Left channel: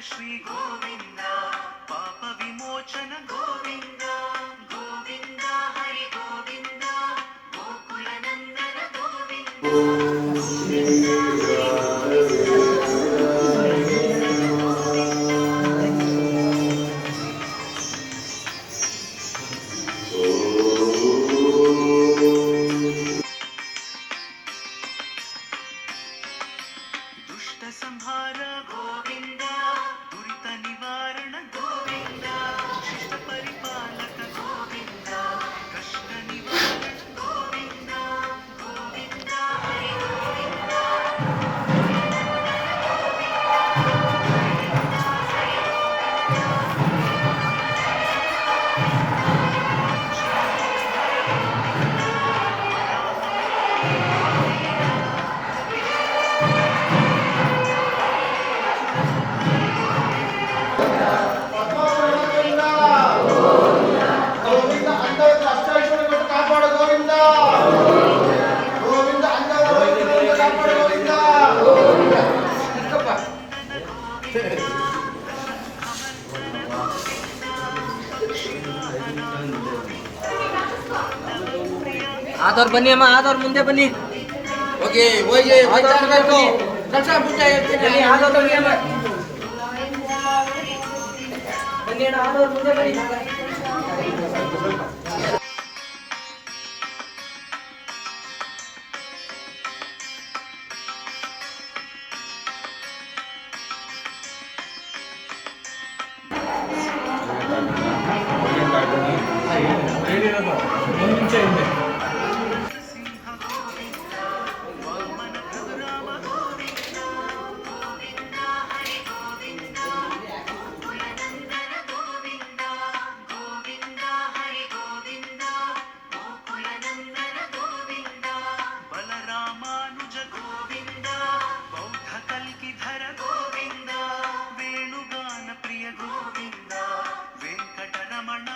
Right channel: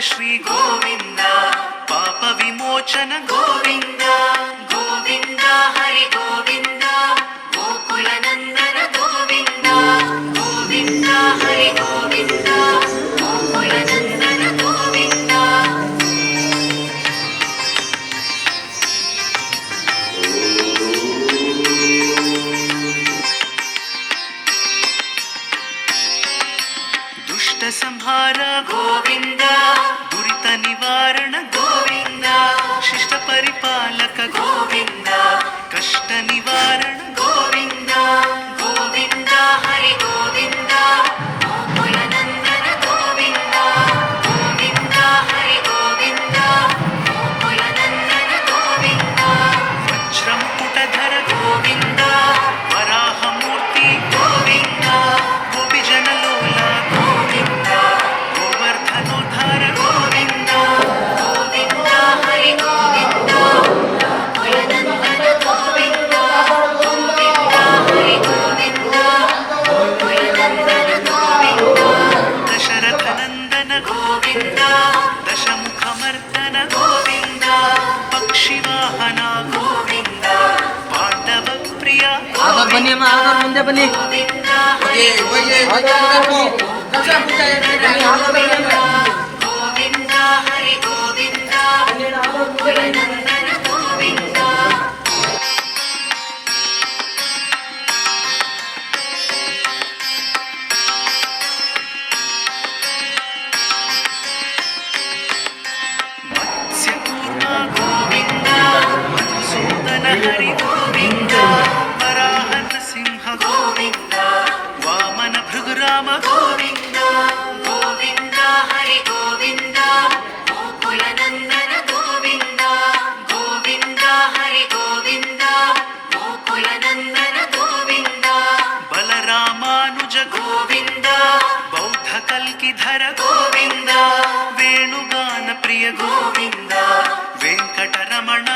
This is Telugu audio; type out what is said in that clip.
శ్రీ గోవింద పాప విమోచన గోవిందా. கனிவா आधार बनिए मैं आधार मुंदे बनी। ओके वो ये आधार मुंदे को कैसे पूछा ये बनी आधार बनिए Thank you. Govinda ವೇಣುಗಾನ Priya Govinda Venkataramana